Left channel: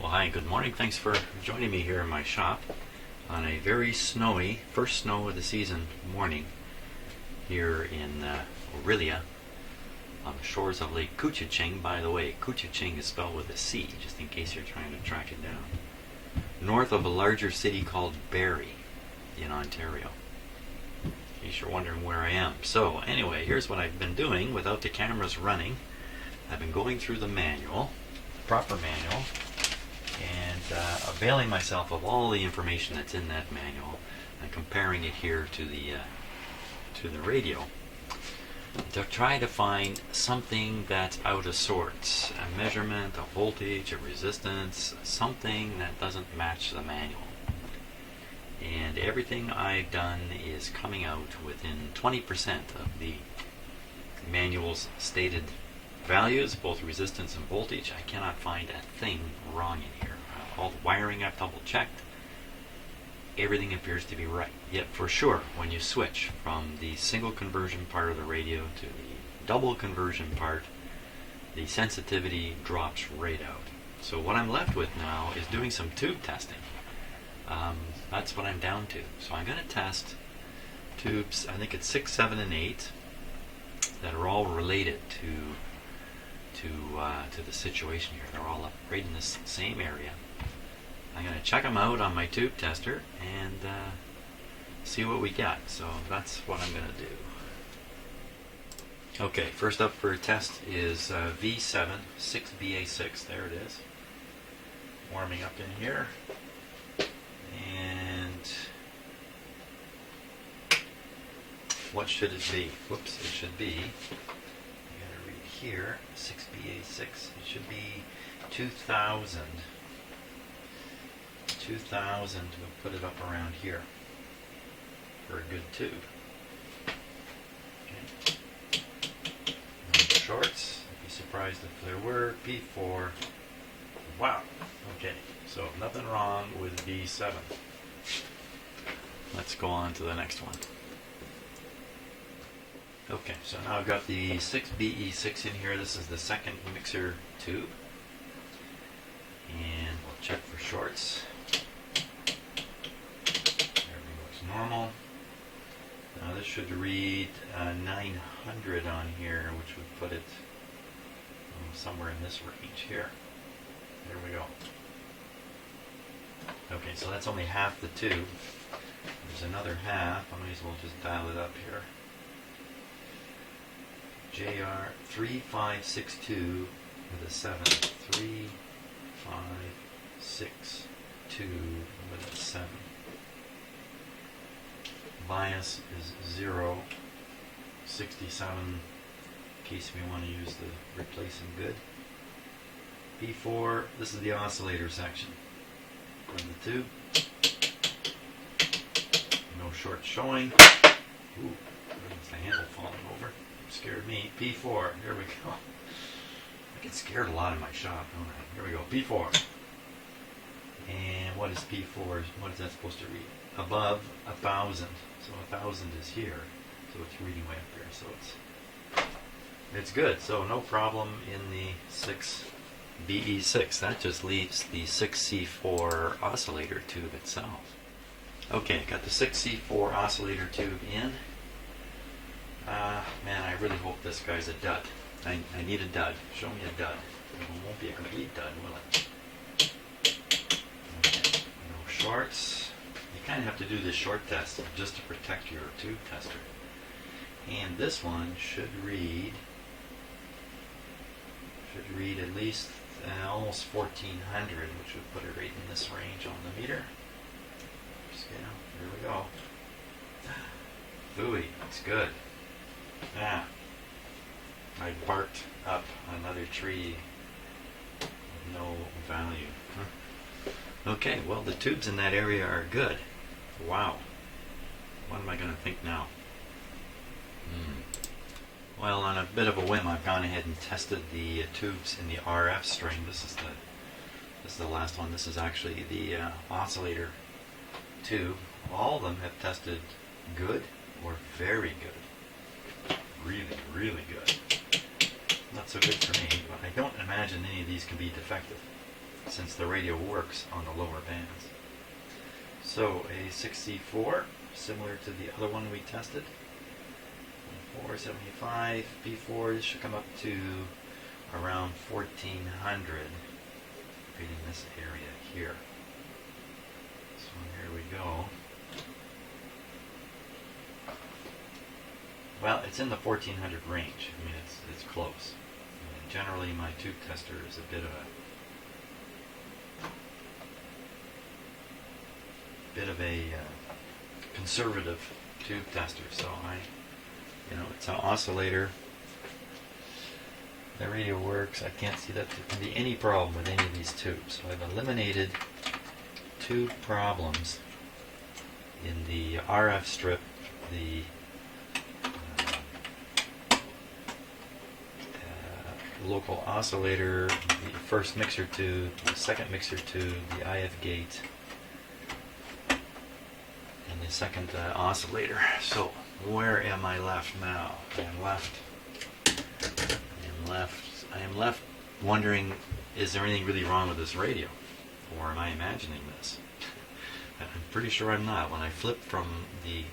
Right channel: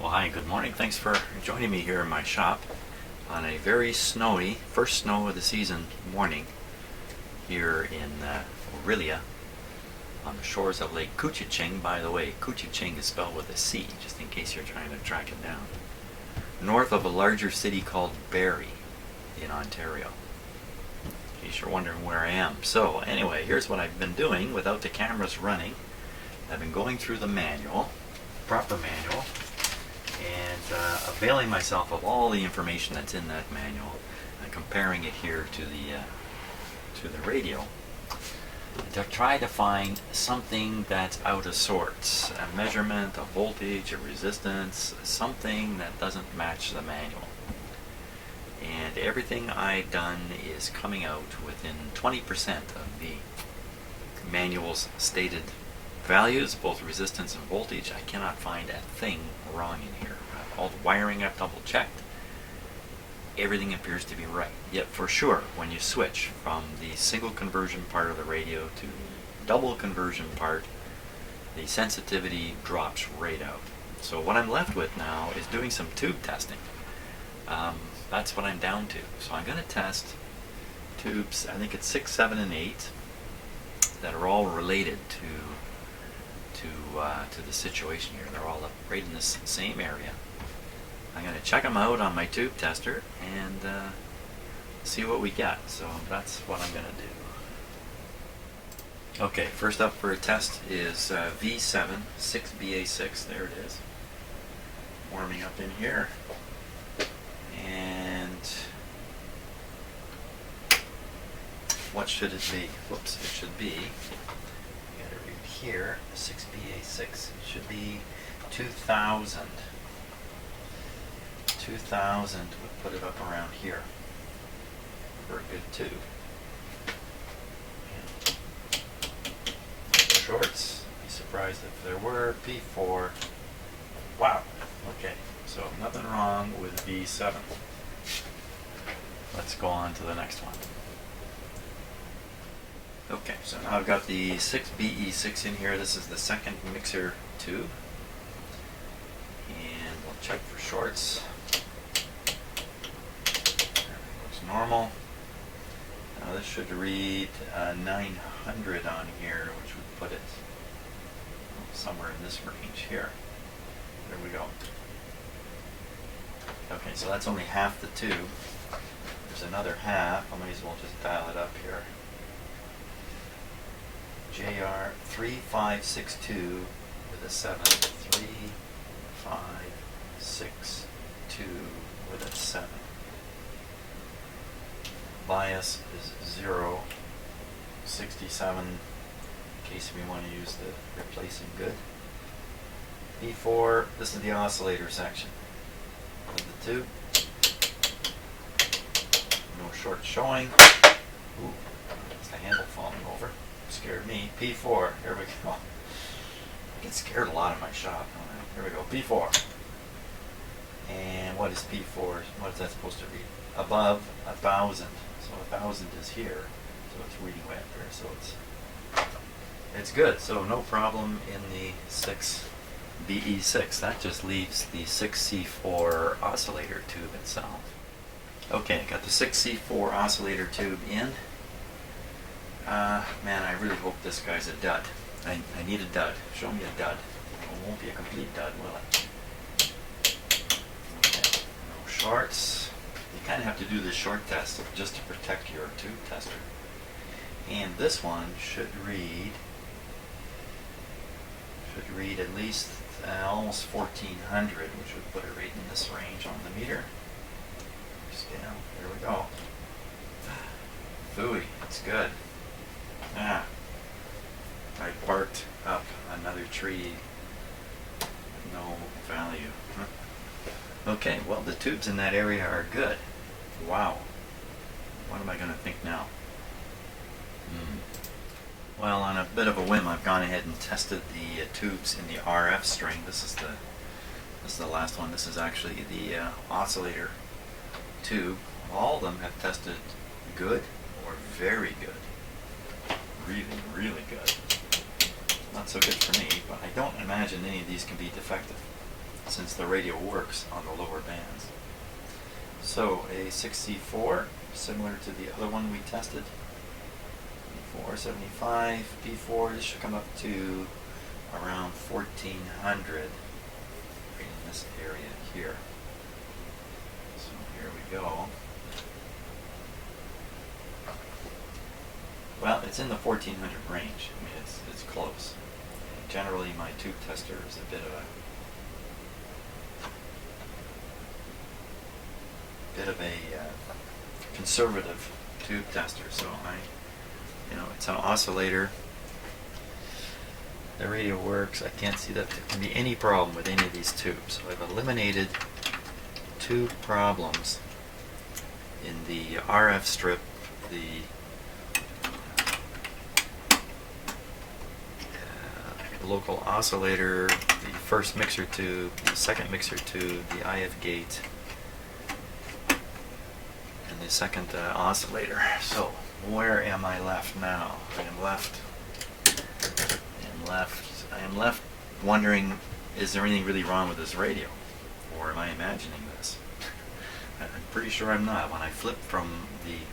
Well, hi, good morning. Thanks for joining me here in my shop on a very snowy, first snow of the season morning here in Eureka on the shores of Lake Couchiching. By the way, Couchiching is spelled with a C, just in case you're trying to track it down. North of a larger city called Barrie in Ontario, in case you're wondering where I am. So anyway, here's what I've been doing without the cameras running. I've been going through the manual, the proper manual, and availing myself of all the information that's in that manual and comparing it here to the radio to try to find something that's out of sorts, a measurement, a voltage, a resistance, something that doesn't match the manual. And everything I've done is coming out within 20% of the manual's stated values, both resistance and voltage. I cannot find a thing wrong in here. All the wiring I've double checked. Everything appears to be right. Yet for sure, when you switch from the single conversion part of the radio to the double conversion part, the sensitivity drops right out. So what I'm left with now is doing some tube testing. That's what I'm down to. So I'm going to test tubes, I think it's 6, 7, and 8, that are all related to the situation here. They're all up right in this same area. I'm going to check them out on my tube tester and see what we get. So that's what I'm going to do. Okay, first up for a test is V7 6BA6. There it is. Warming up in here. And what should it be? Whoops, it should be, I gotta read here, 6BA6. It should be 2000. 2000 would put it up around here for a good tube. Okay. Shorts, I'd be surprised if there were. P4. Wow. Okay, so nothing wrong with V7. Let's go on to the next one. Okay, so now I've got the 6BE6 in here. This is the second mixer tube. And we'll check for shorts. Everything looks normal. Now this should read 900 on here, which would put it somewhere in this range here. There we go. Okay, so that's only half the tube. There's another half. I might as well just dial it up here. JR 3562 with a 7. 3562 with a 7. Bias is 0. 67 in case we want to use the replacing good. B4, this is the oscillator section of the tube. No short showing. Ooh, it's the handle falling over. Scared me. P4, here we go. I get scared a lot in my shop, don't I? Here we go, P4. And what is P4? What is that supposed to read? Above 1,000. So 1,000 is here. So it's reading way up here. So it's good. So no problem in the 6BE6. That just leaves the 6C4 oscillator tube itself. Okay, got the 6C4 oscillator tube in. Man, I really hope this guy's a dud. I need a dud. Show me a dud. It won't be a complete dud, will it? Okay, no shorts. You kind of have to do the short test just to protect your tube tester. And this one should read at least almost 1400, which would put it right in this range on the meter. Scale. There we go. Phooey, that's good. Ah, I barked up another tree. No value. Okay, well the tubes in that area are good. Wow. What am I going to think now? Well, on a bit of a whim, I've gone ahead and tested the tubes in the RF string. This is the last one. This is actually the oscillator tube. All of them have tested good or very good. Really, really good. Not so good for me, but I don't imagine any of these can be defective. since the radio works on the lower bands. So a 64, similar to the other one we tested. 475 B4, this should come up to around 1400 right in this area here. So here we go. Well, it's in the 1400 range. I mean, it's close. And generally, my tube tester is a bit of a conservative tube tester. So it's an oscillator. The radio works. I can't see that there can be any problem with any of these tubes. So I've eliminated two problems in the RF strip, the local oscillator, the first mixer tube, the second mixer tube, the IF gate, and the second oscillator. So where am I left now? I am left wondering, is there anything really wrong with this radio? Or am I imagining this? I'm pretty sure I'm not. When I flip from the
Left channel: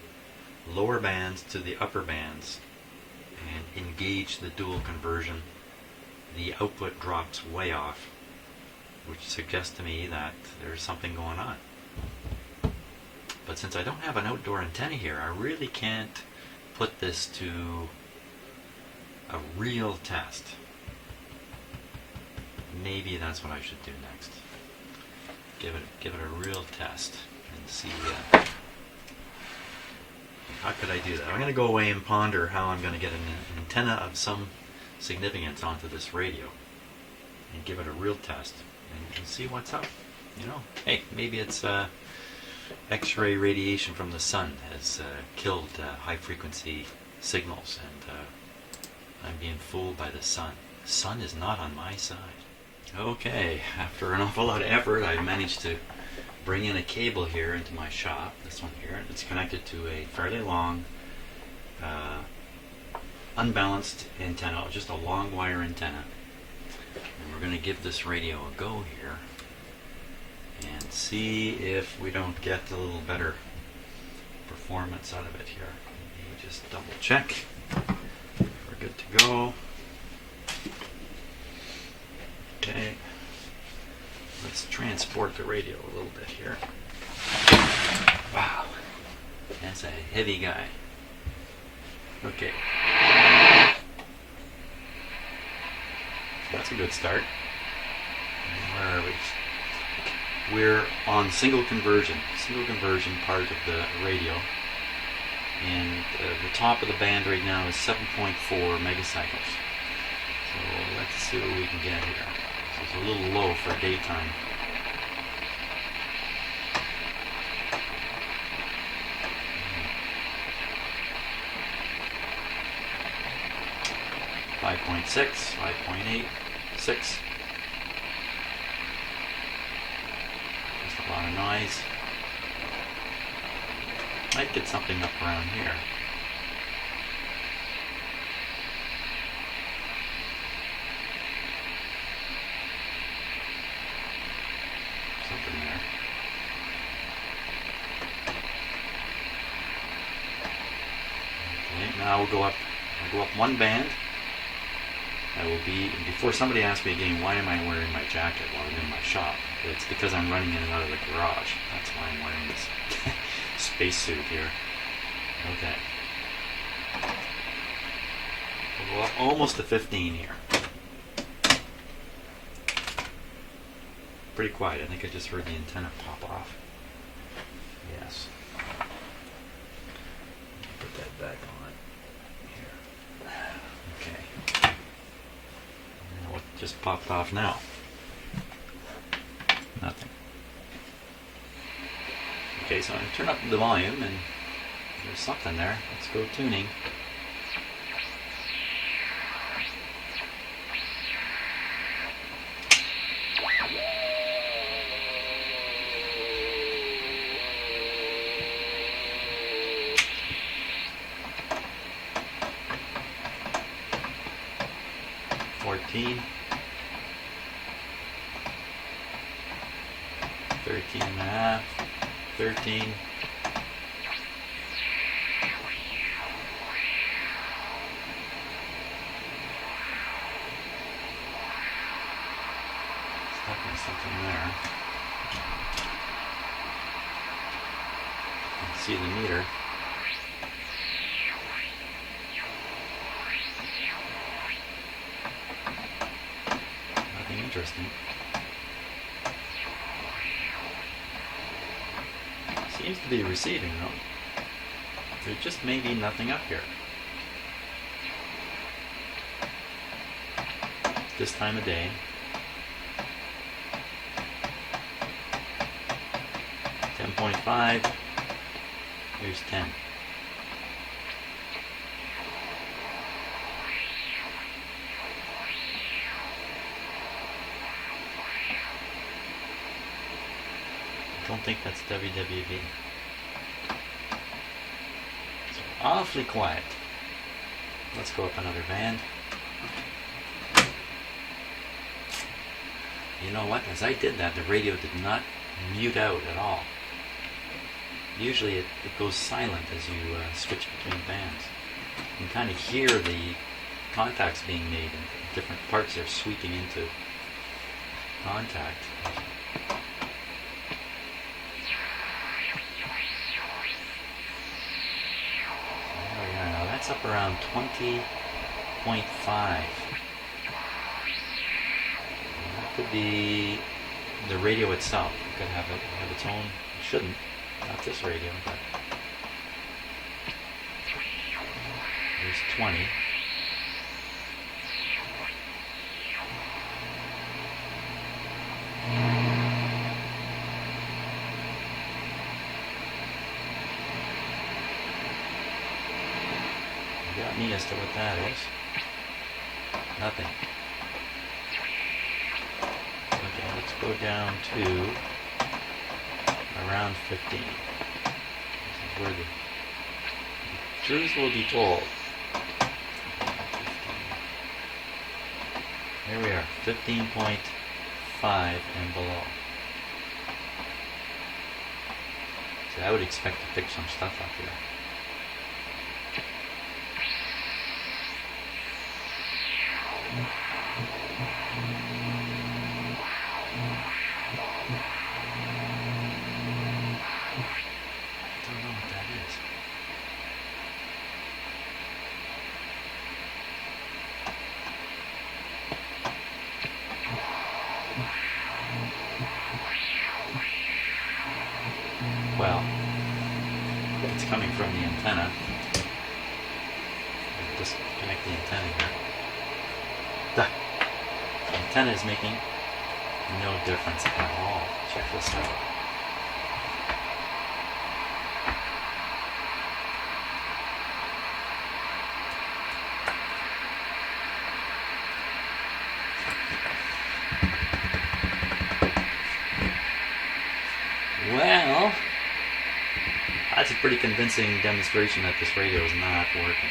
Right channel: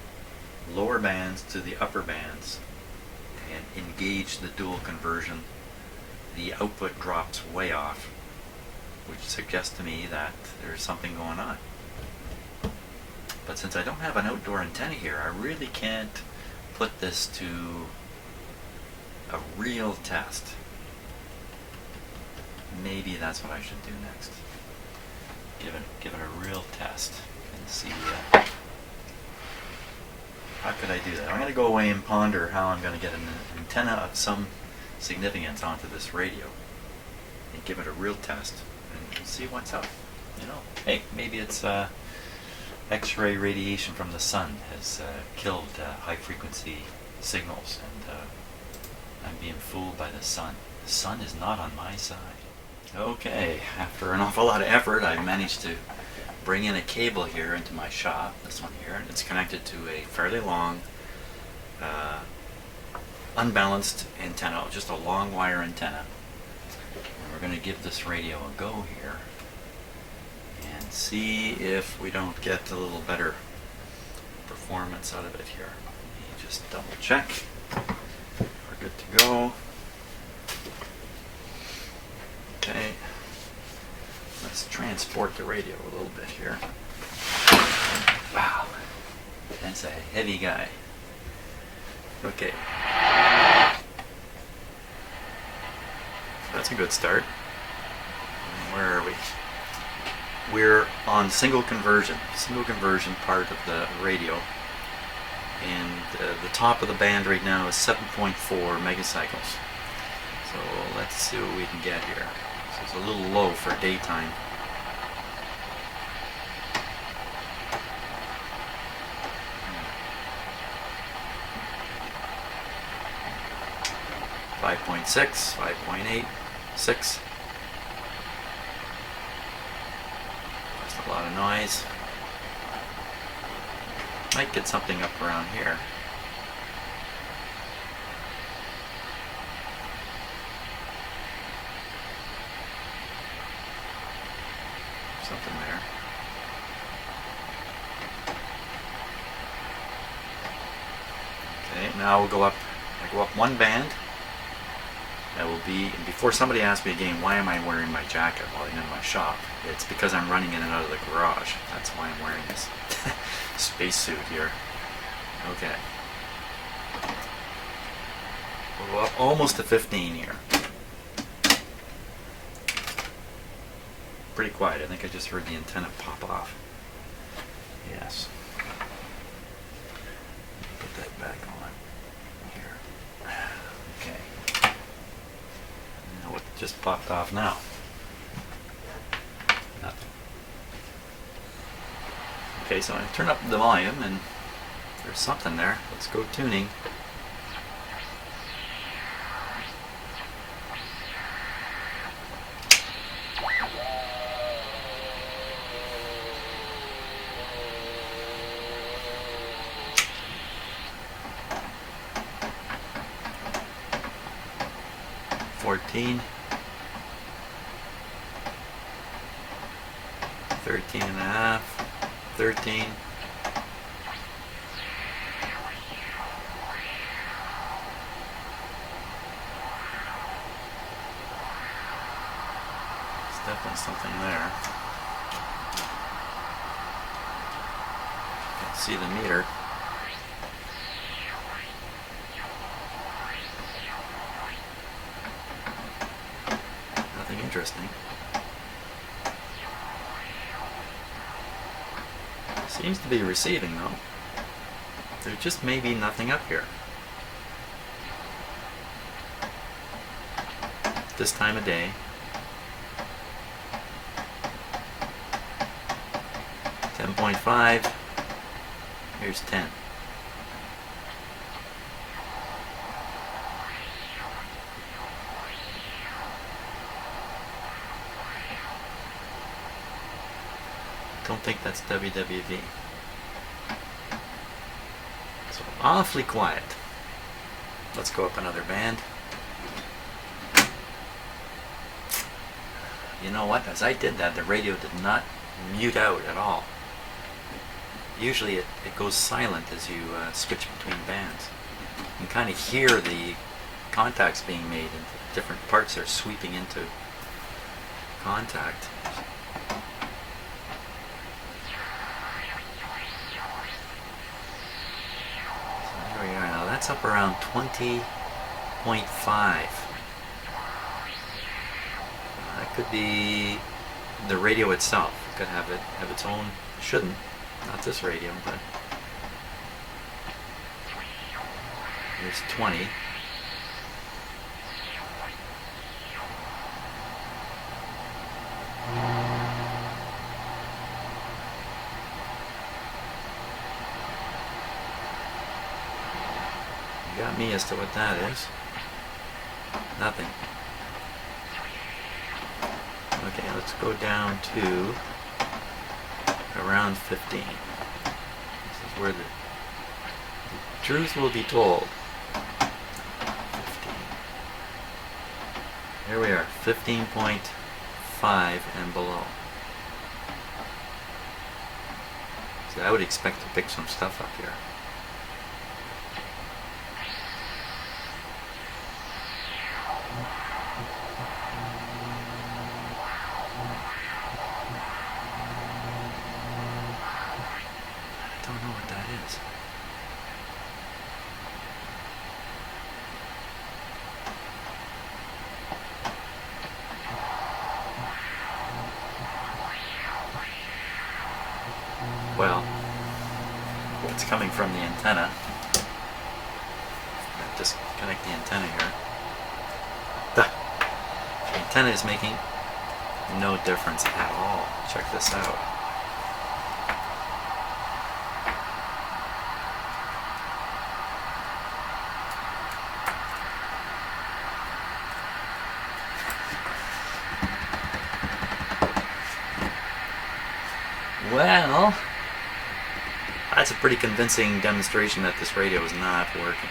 lower bands to the upper bands and engage the dual conversion, the output drops way off, which suggests to me that there's something going on. But since I don't have an outdoor antenna here, I really can't put this to a real test. Maybe that's what I should do next. Give it a real test and see how could I do that. I'm going to go away and ponder how I'm going to get an antenna of some significance onto this radio and give it a real test and see what's up. Hey, maybe it's X-ray radiation from the sun has killed high frequency signals, and I'm being fooled by the sun. The sun is not on my side. Okay, after an awful lot of effort, I managed to bring in a cable here into my shop, this one here, and it's connected to a fairly long unbalanced antenna, just a long wire antenna. And we're going to give this radio a go here and see if we don't get a little better performance out of it here. Let me just double check. We're good to go. Okay. Let's transport the radio a little bit here. Wow. That's a heavy guy. Okay. That's a good start. Where are we? We're on single conversion part of the radio. And the top of the band right now is 7.4 megacycles. So let's see what we can get here. So it's a little low for daytime. .6, 5.8, 6. Just a lot of noise. Might get something up around here. Something there. Okay, now we'll go up. I go up one band. That will be, before somebody asks me again, why am I wearing my jacket while I'm in my shop? It's because I'm running in and out of the garage. That's why I'm wearing this spacesuit here. Okay. We'll go up almost to 15 here. Pretty quiet. I think I just heard the antenna pop off. Yes. Put that back on here. Okay. What just popped off now? Nothing. Okay, so I turn up the volume and there's something there. Let's go tuning. 18 and a half, 13. There's definitely something there. You can see the meter. Nothing interesting. Seems to be receiving though. There just may be nothing up here. This time of day. 10.5. Here's 10. Don't think that's WWV. So awfully quiet. Let's go up another band. You know what? As I did that, the radio did not mute out at all. Usually it goes silent as you switch between bands. You can kind of hear the contacts being made and different parts are sweeping into contact. That's up around 20.5. That could be the radio itself. It could have its own. Shouldn't. Not this radio, but there's 20. Got me as to what that is. Nothing. Okay, let's go down to around 15. This is where the truth will be told. 15. Here we are, 15.5 and below. So I would expect to pick some stuff up here. Well, it's coming from the antenna. I'll disconnect the antenna here. The antenna is making no difference at all. Check this out. Well, that's a pretty convincing demonstration that this radio is not working.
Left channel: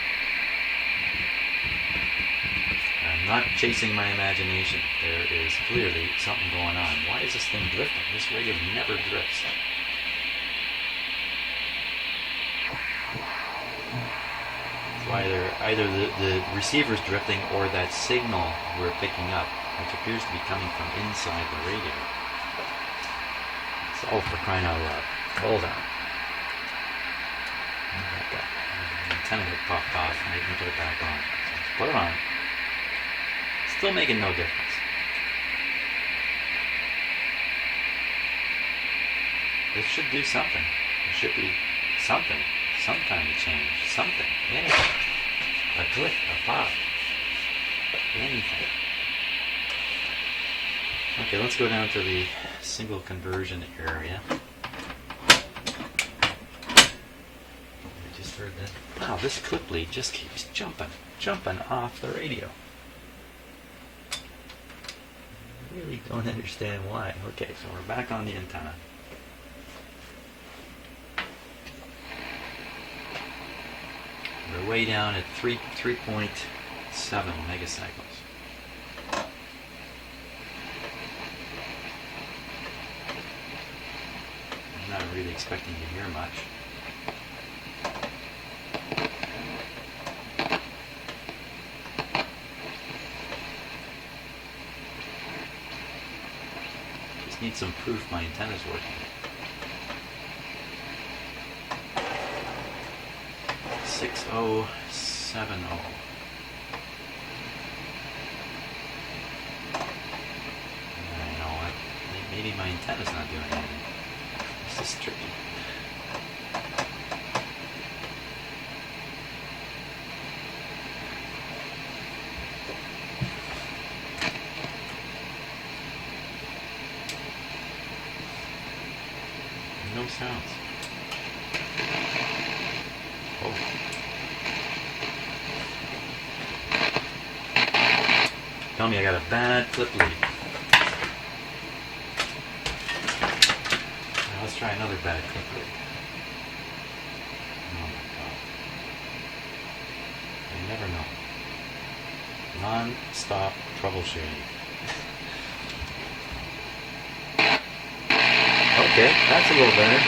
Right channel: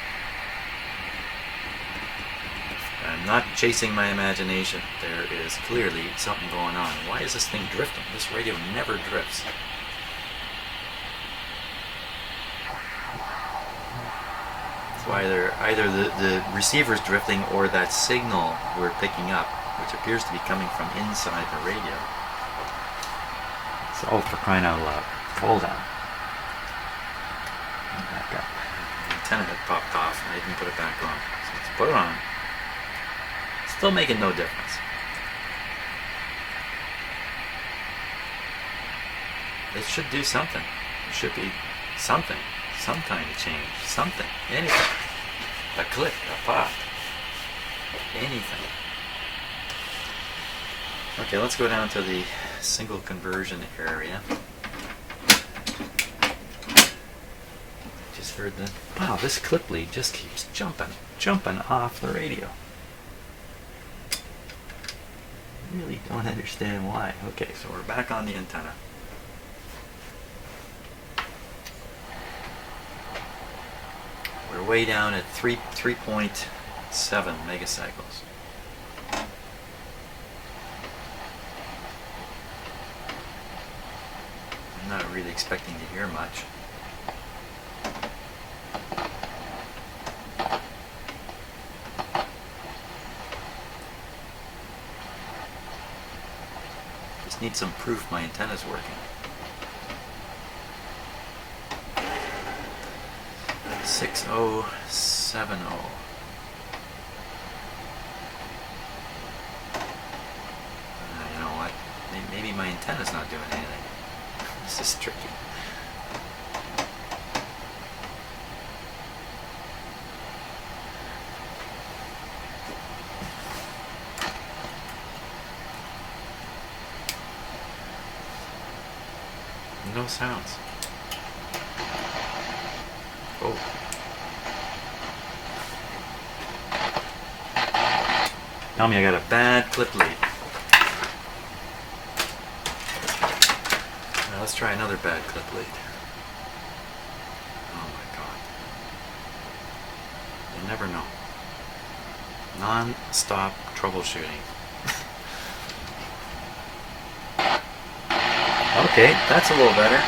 I'm not chasing my imagination. There is clearly something going on. Why is this thing drifting? This radio never drifts. So either the receiver's drifting or that signal we're picking up, which appears to be coming from inside the radio. So, oh, for crying out loud. Hold on. Back up. The antenna had popped off and I didn't put it back on. So let's put it on. Still making no difference. It should do something. It should be something. Some kind of change. Something. Anything. A click. A pop. Anything. Okay, let's go down to the single conversion area. Just heard the... Wow, this clip lead just keeps jumping off the radio. Really don't understand why. Okay, so we're back on the antenna. We're way down at 3.7 megacycles. really expecting to hear much. Just need some proof my antenna's working. 6070. You know what? Maybe my antenna's not doing anything. This is tricky. No sounds. Oh. Tell me I got a bad clip lead. Now let's try another bad clip lead. Oh my god. You never know. Non-stop troubleshooting. Okay, that's a little better.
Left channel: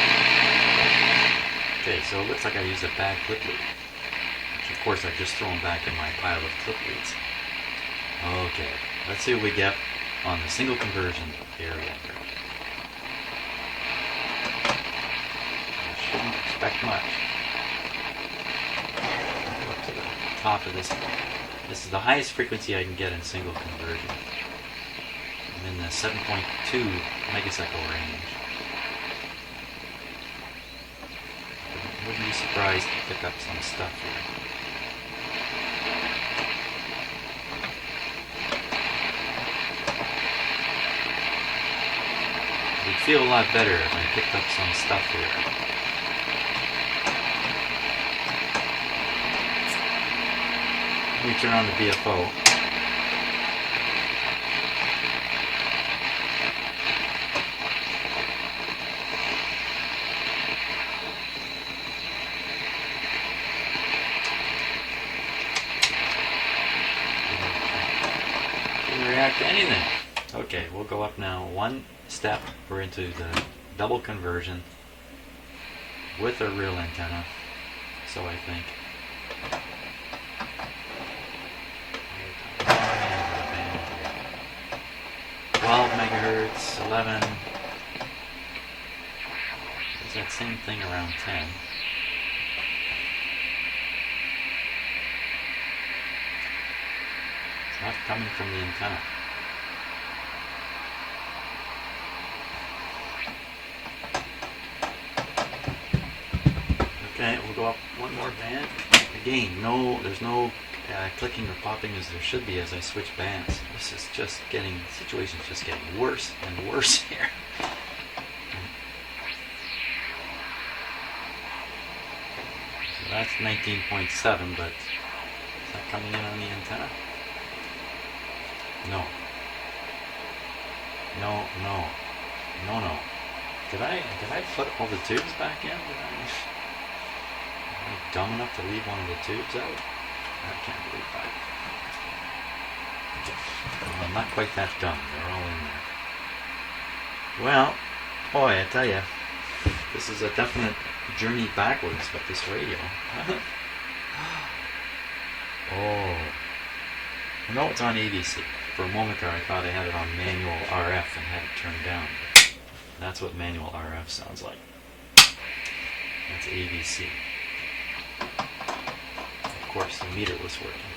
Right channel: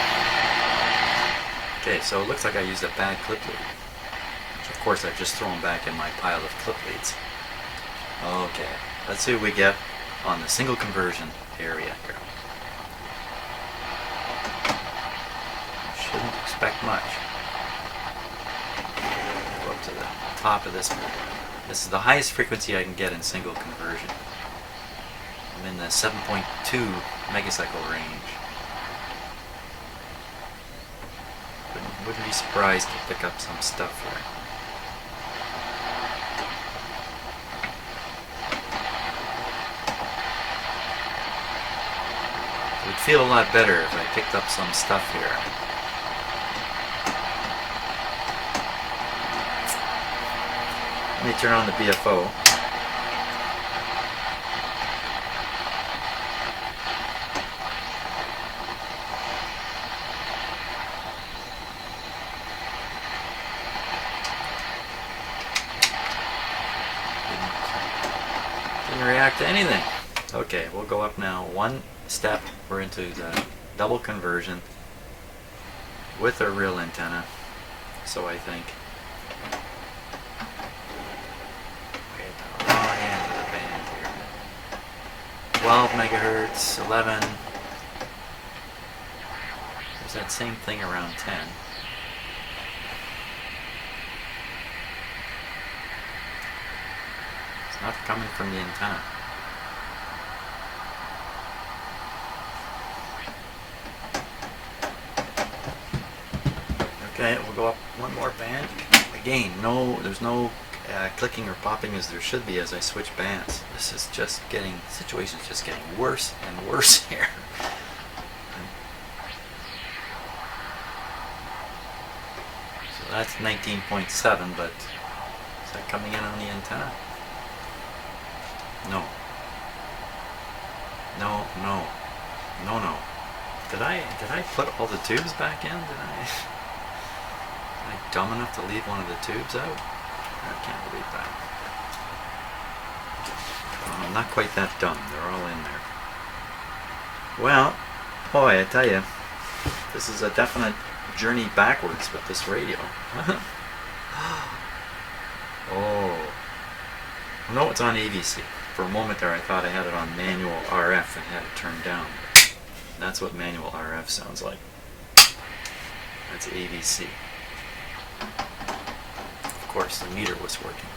Okay, so it looks like I used a bad clip lead, which of course I've just thrown back in my pile of clip leads. Okay, let's see what we get on the single conversion area here. Shouldn't expect much. Go up to the top of this one. This is the highest frequency I can get in single conversion. I'm in the 7.2 megacycle range. Wouldn't be surprised to pick up some stuff here. It would feel a lot better if I picked up some stuff here. Let me turn on the BFO. React to anything. Okay, we'll go up now one step. We're into the double conversion with a real antenna, so I think. 12 megahertz, 11. It's that same thing around 10. Not coming from the antenna. Okay, we'll go up one more band. Again, there's no clicking or popping as there should be as I switch bands. This is just getting, the situation's just getting worse and worse here. So that's 19.7, but is that coming in on the antenna? No. No, no. No, no. Did I put all the tubes back in? Am I dumb enough to leave one of the tubes out? I can't believe that. Well, I'm not quite that dumb. They're all in there. Well, boy, I tell you, this is a definite journey backwards with this radio. Oh. No, it's on AVC. For a moment there I thought I had it on manual RF and had it turned down. That's what manual RF sounds like. That's AVC. Of course, the meter was working.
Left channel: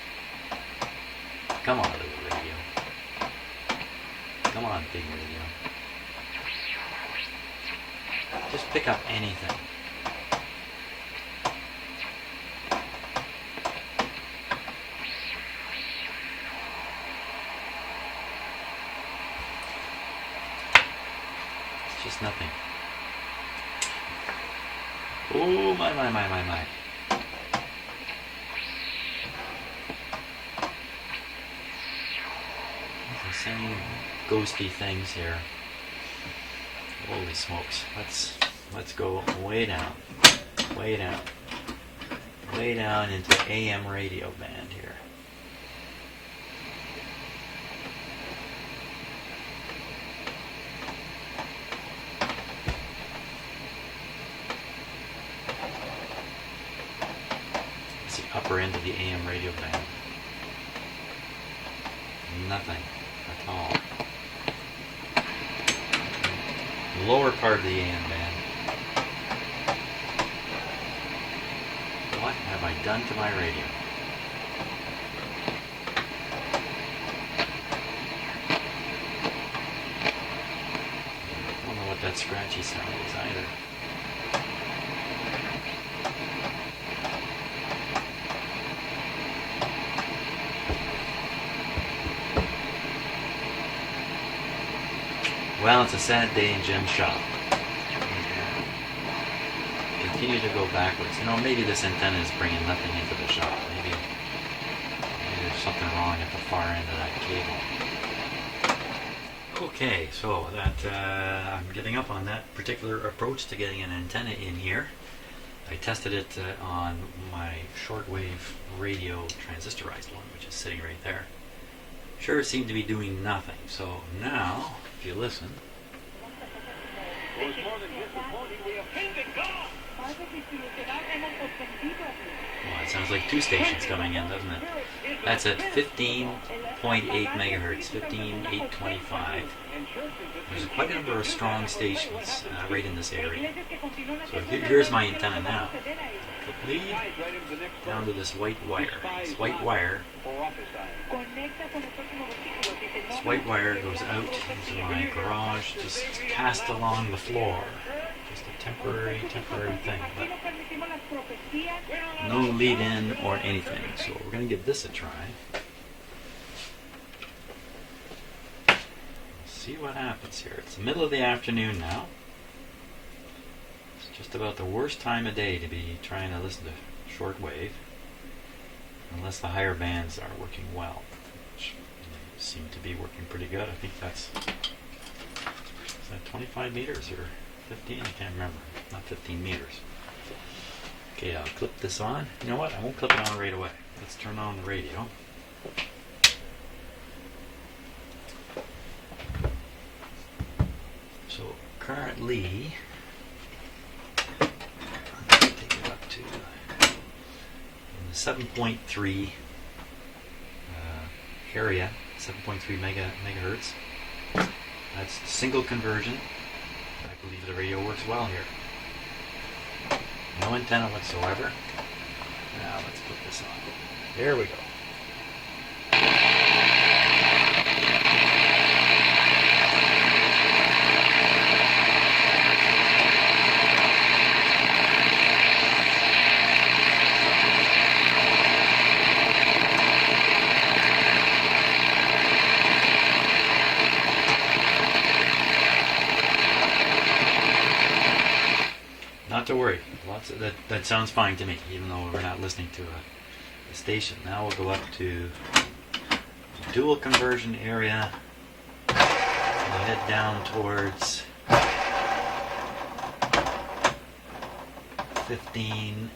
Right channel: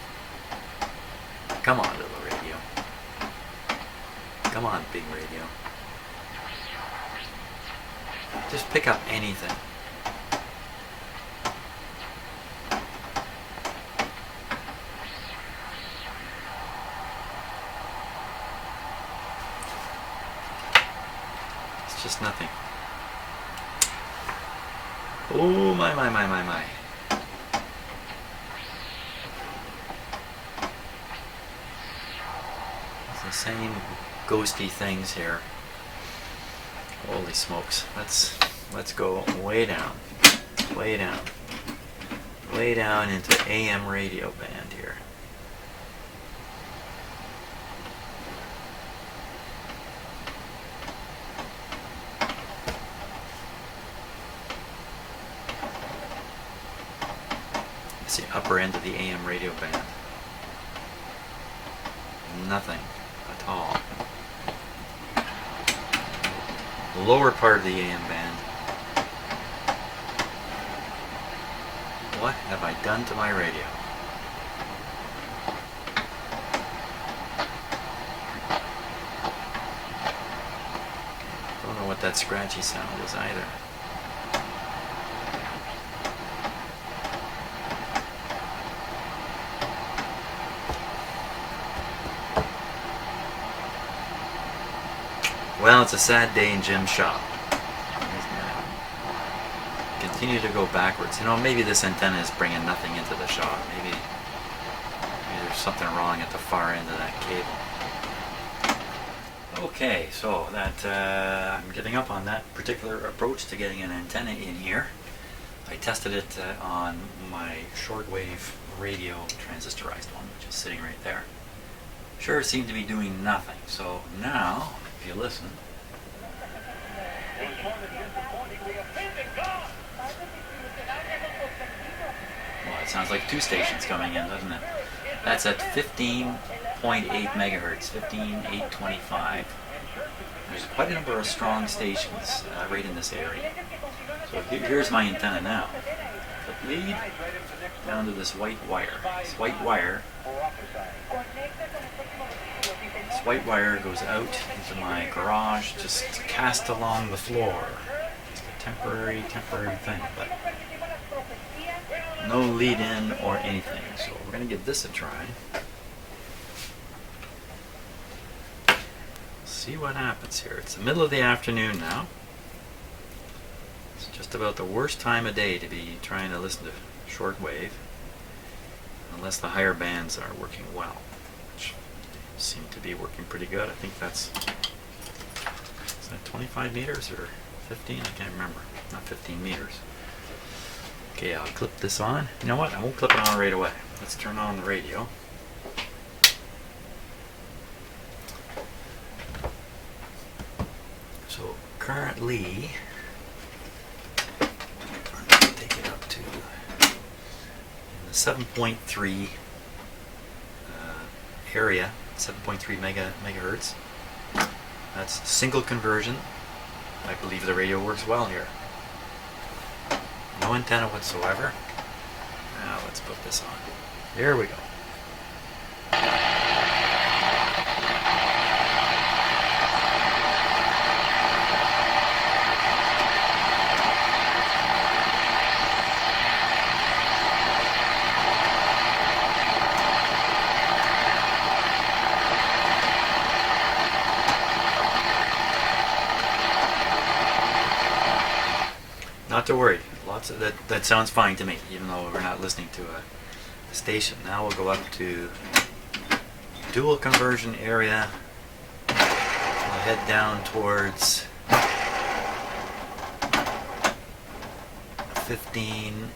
Come on, little radio. Come on, big radio. Just pick up anything. Just nothing. Oh my. It's the same ghosty things here. Holy smokes. Let's go way down. Way down. Way down into AM radio band here. upper end of the AM radio band. Nothing at all. The lower part of the AM band. What have I done to my radio? Don't know what that scratchy sound is either. Well, it's a sad day in Jim's shop. He's gonna continue to go backwards. You know, maybe this antenna is bringing nothing into the shop. Maybe there's something wrong at the far end of that cable. Okay, so that I'm giving up on that particular approach to getting an antenna in here. I tested it on my shortwave radio transistorized one, which is sitting right there. Sure, it seemed to be doing nothing. So now, if you listen. Well, it sounds like two stations coming in, doesn't it? That's at 15.8 megahertz, 15.825. There's quite a number of strong stations right in this area. So here's my antenna now. Clip lead down to this white wire. This white wire goes out into my garage, just cast along the floor. Just a temporary thing. But no lead in or anything. So we're going to give this a try. See what happens here. It's the middle of the afternoon now. It's just about the worst time of day to be trying to listen to shortwave, unless the higher bands are working well, which seem to be working pretty good. I think that's, is that 25 meters or 15? I can't remember. Not 15 meters. Okay, I'll clip this on. You know what? I won't clip it on right away. Let's turn on the radio. So currently, I'm going to take it up to the 7.3 area, 7.3 megahertz. That's single conversion. I believe the radio works well here. No antenna whatsoever. Now let's put this on. There we go. Not to worry. Lots of that sounds fine to me, even though we're not listening to a station. Now we'll go up to dual conversion area. We'll head down towards 15.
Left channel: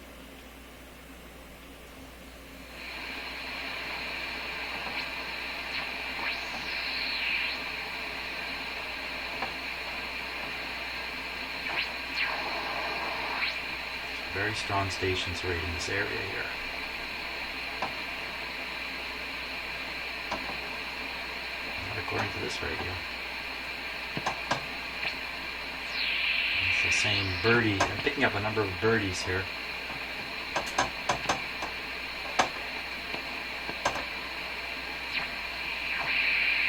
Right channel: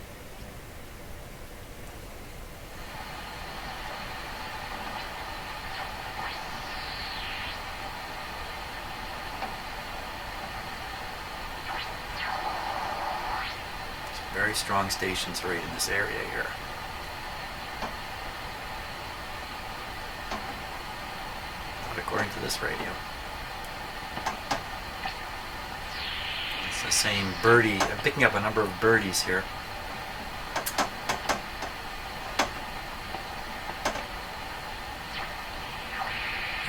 Very strong stations right in this area here. According to this radio. It's the same birdie. I'm picking up a number of birdies here.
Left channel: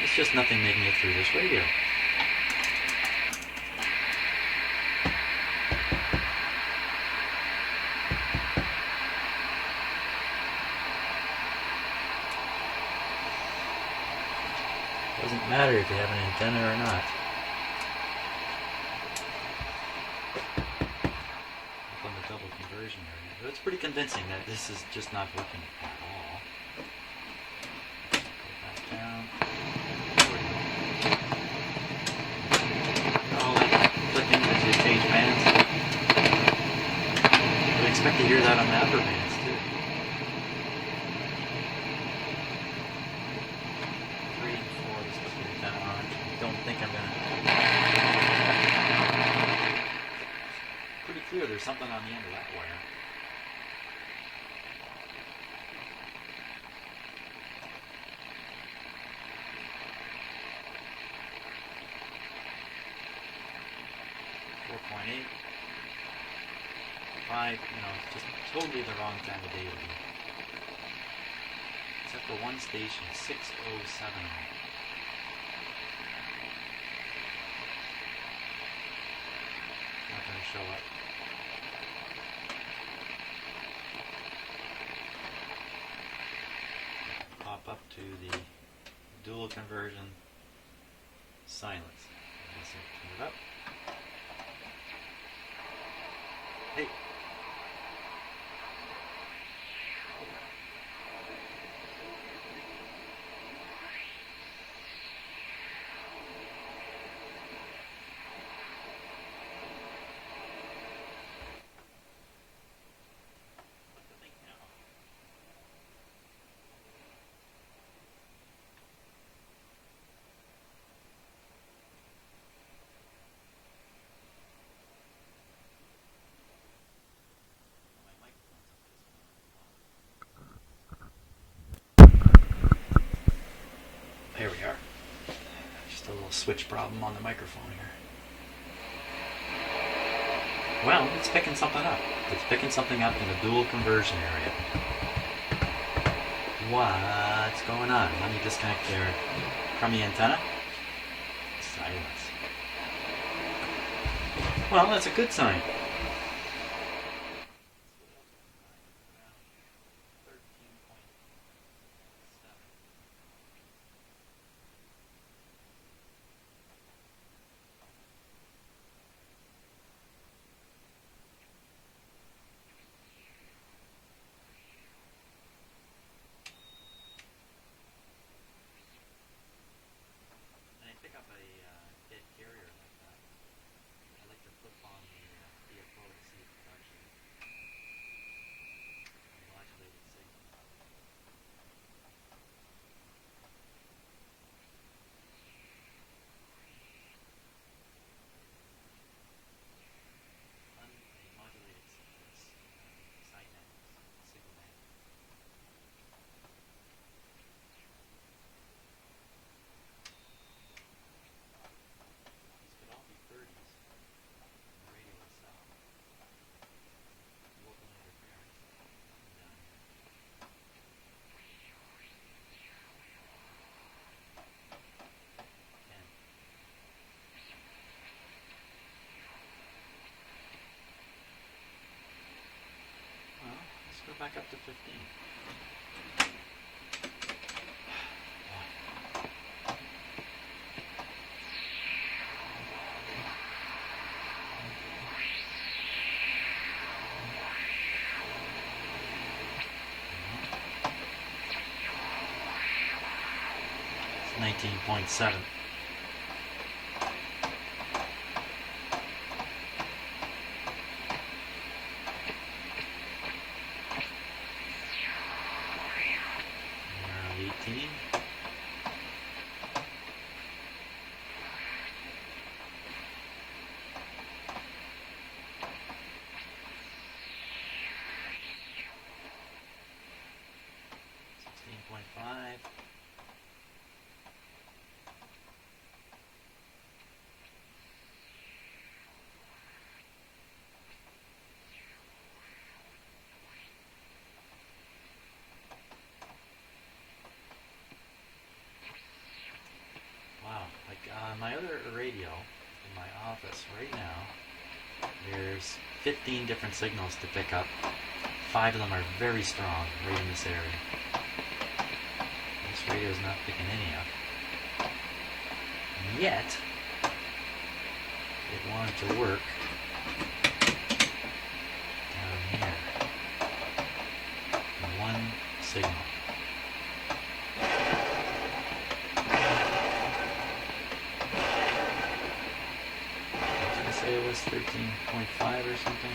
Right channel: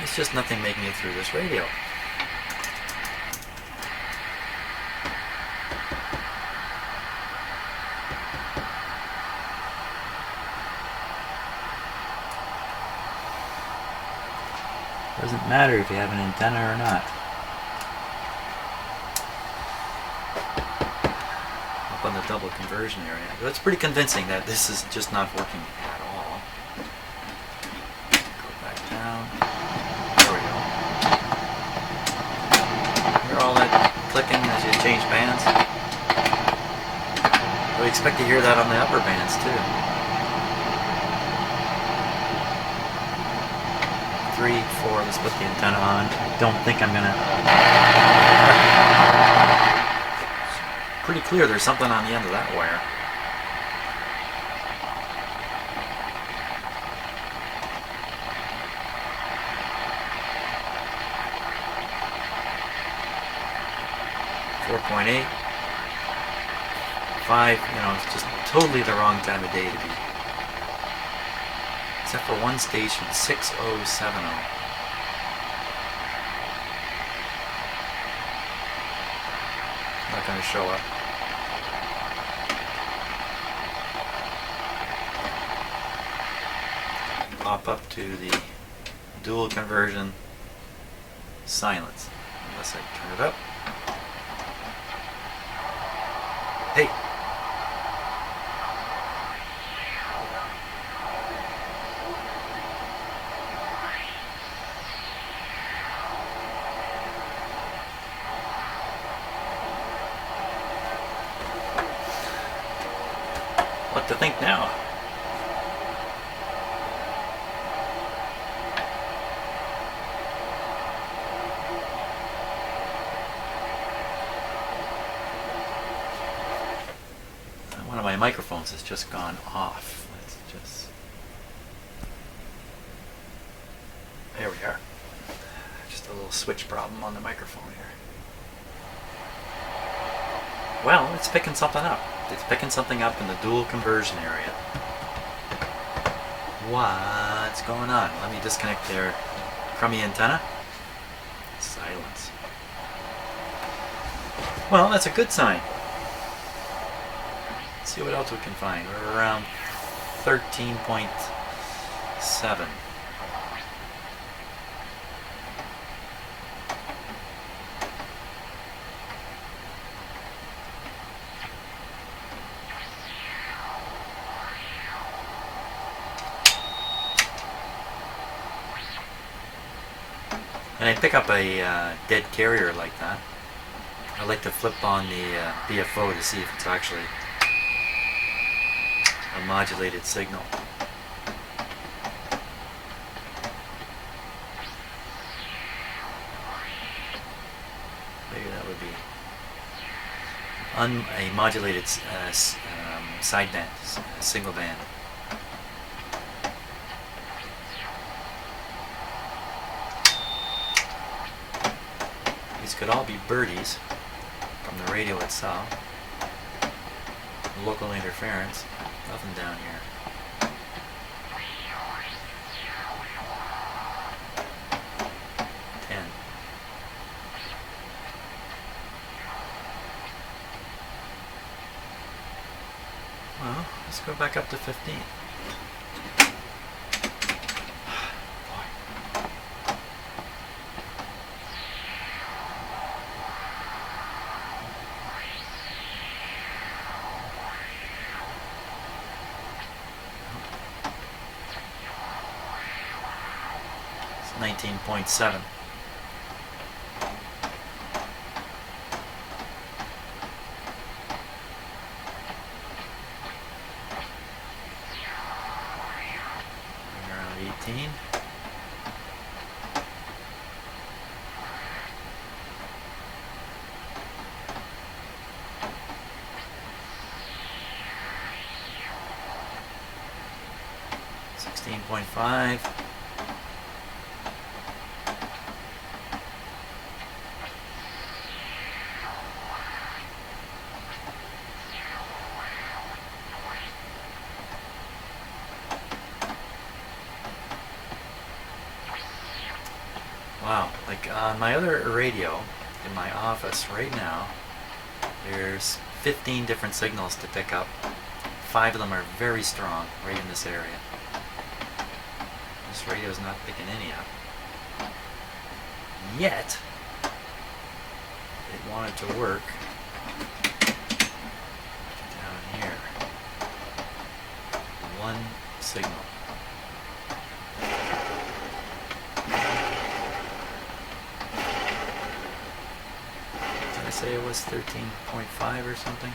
It's just nothing making it through this radio. Doesn't matter if you have an antenna or not. Up on the double conversion area. But it's pretty convincing that this is just not working at all. Go back down. There we go. Hear all that clicking as you change bands? I would expect to hear that on the upper bands too. 3, 4, let's put the antenna on. Don't think I'm gonna... Pretty clear there's something on the end of that wire. 4.8. 5, it's just totally the wrong time of day to be. Except for one station, 6070. Not going to show up. Pop up to the dual conversion silence, unless I turn it up. Hey! What to think now? One of my microphones has just gone off. Let's just... There we are. Just a little switch problem on the microphone here. Well, it's picking something up. It's picking something up in the dual conversion area. What's going on? Let me disconnect their crummy antenna. Silence. Well, that's a good sign. Let's see what else we can find. We're around 13.7. And I pick up a dead carrier like that. I like to flip on the BFO to see if it's actually a modulated signal. Maybe that would be a modulated sideband, single band. These could all be birdies from the radio itself. Local interference. Nothing down here. Well, let's go back up to 15. It's 19.7. Around 18. .5. Wow, like on my other radio in my office right now, there's 15 different signals to pick up. 5 of them are very strong right in this area. This radio's not picking any up. Yet, it wanted to work down here. One signal. Did I say it was 13.5 or something?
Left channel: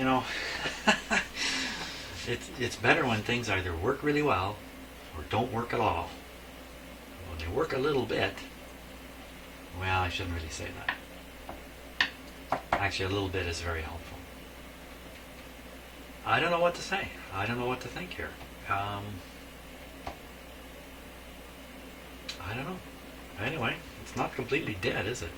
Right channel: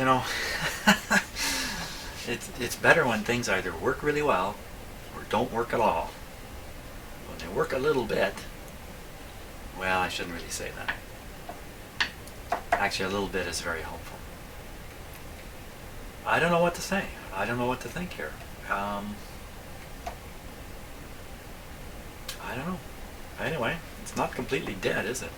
you know, it's better when things either work really well or don't work at all. When they work a little bit, well, I shouldn't really say that. Actually, a little bit is very helpful. I don't know what to say. I don't know what to think here. I don't know. Anyway, it's not completely dead, is it?